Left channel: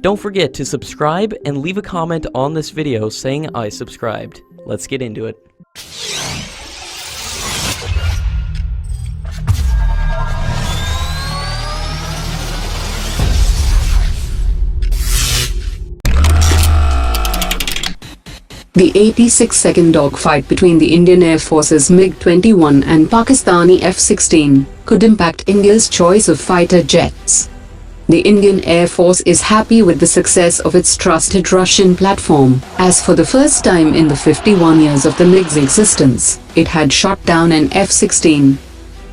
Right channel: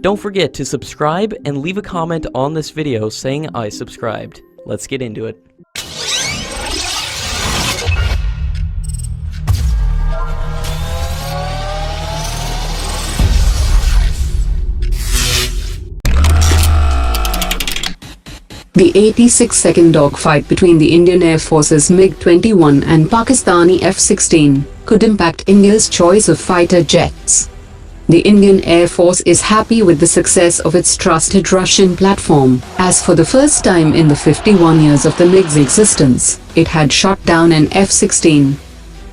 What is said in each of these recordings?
Don't forget to subscribe and leave a comment on this video saying I subscribed. Let's get into it. The 86-second dogfight between the Indian Air Force's MiG-21 and Pakistani F-16 could impact India's choice of fighter jets. The Indian Air Force is happy with the success of its trusted Russian platform, as for the first time in the 51 years of the MiG's existence, it had shot down an F-16.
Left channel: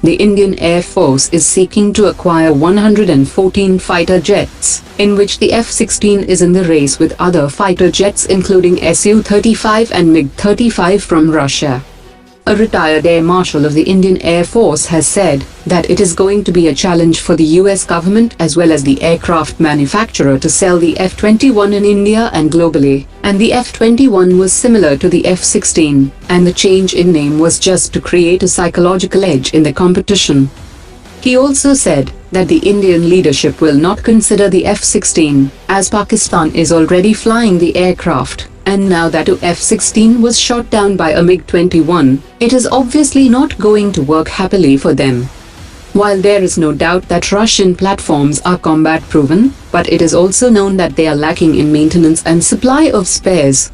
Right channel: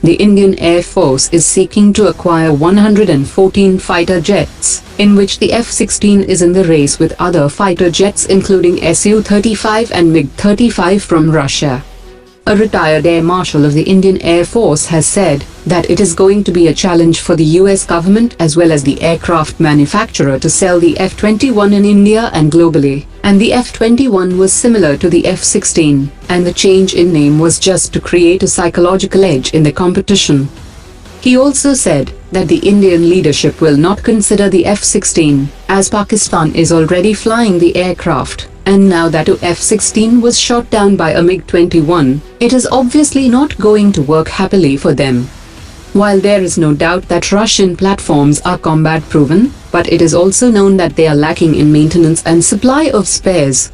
The Indian Air Force is seeking to acquire 114 fighter jets, in which the F-16 is in the race with other fighter jets including SU-35 and MiG-35 from Russia. A retired Air Marshal of the Indian Air Force has said that it is going to be a challenge for the US government as well as the aircraft manufacturer to sell the F-21 in India and globally, and the F-21 was similar to the F-16, and the change in name was just to create a psychological edge in the competition. He also said that the Indian leadership will not consider the F-16, as Pakistan is already flying the aircraft, and now that a F-16 was shot down by a MiG-21, it is obviously not going to work happily for them. While there is no doubt that Russian platforms are combat-proven, but it is also known that they are lacking in maintenance and supply of spares.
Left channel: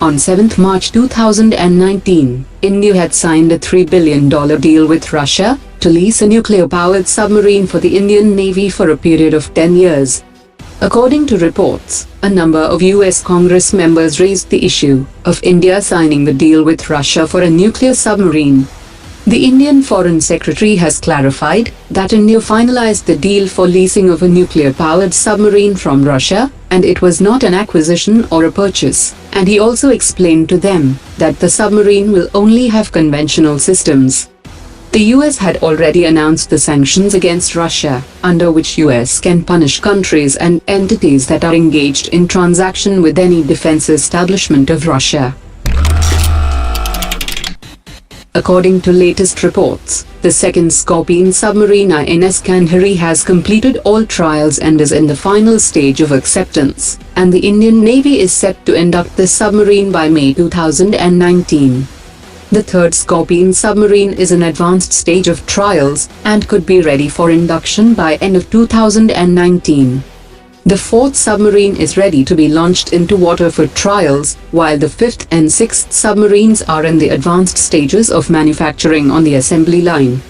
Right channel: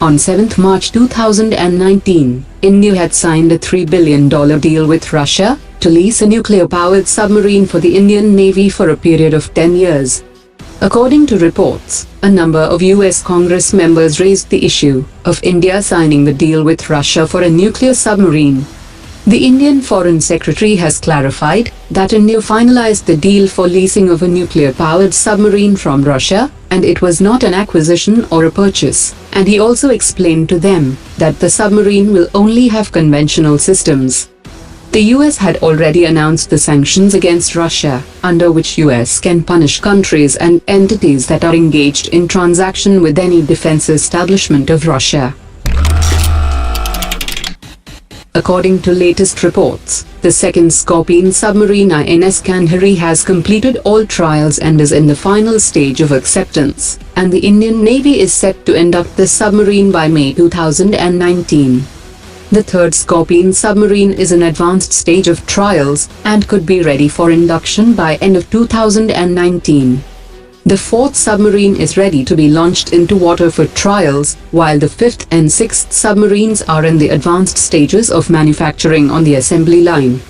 On 7 March 2019, India had signed a $3 billion deal with Russia to lease a nuclear-powered submarine for the Indian Navy for a period of 10 years. According to reports, a number of US Congress members raised the issue of India signing the deal with Russia for a nuclear submarine. The Indian Foreign Secretary has clarified that India finalized the deal for leasing of a nuclear-powered submarine from Russia, and it was not an acquisition or a purchase, and he also explained to them that the submarine will only have conventional systems. The US had already announced the sanctions against Russia, under which US can punish countries and entities that are engaged in transaction with any defense establishment of Russia. According to latest reports, the second Scorpene submarine INS Khanderi has completed all trials and is in the final stage of acceptance, and the Indian Navy is set to induct the submarine by May 2019. The third Scorpene submarine is in advanced stage of trials and could be ready for induction by end of 2019. The fourth submarine is ready to be launched into water for trials, while the fifth and sixth submarines are in the advanced stages of manufacturing on the assembly line.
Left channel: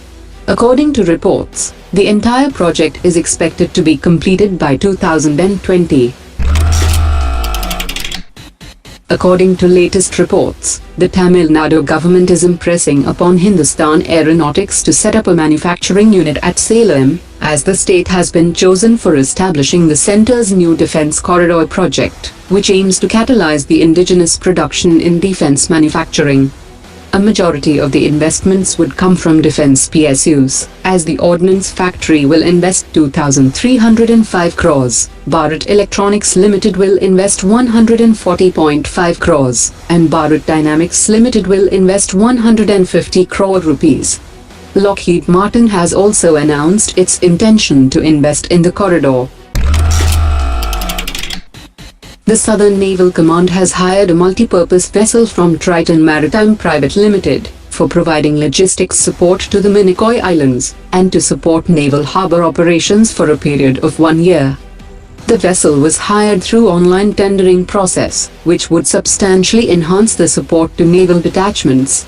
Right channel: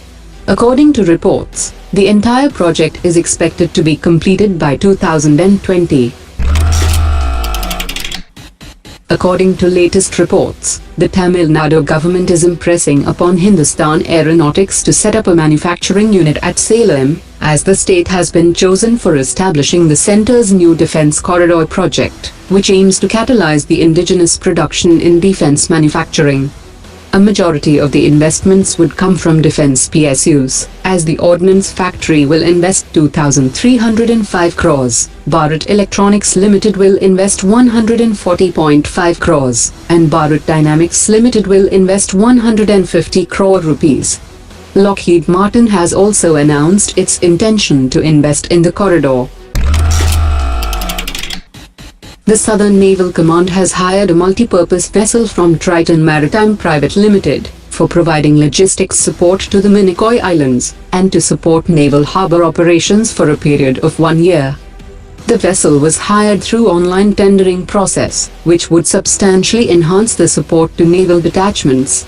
According to reports, the entire project is expected to be completed by 2020. According to latest reports, the Tamil Nadu government is impressing upon Hindustan Aeronautics to set up a manufacturing unit at Salem, as the state has been chosen for establishing the center's new defense corridor project, which aims to catalyze the indigenous production in defense manufacturing. A majority of the investments would come from defense PSUs, as the Ordnance Factory will invest 2,305 crores, Bharat Electronics Limited will invest 140.5 crores, and Bharat Dynamics Limited will invest 150 crore rupees. Lockheed Martin has also announced its intention to invest in the corridor. The Southern Naval Command has hired a multi-purpose vessel from Triton Maritime Private Limited for providing logistics support to the Minicoy Islands and to support naval harbor operations for a period of 1 year. The vessel was hired through online tendering process, which would substantially enhance the support to naval detachments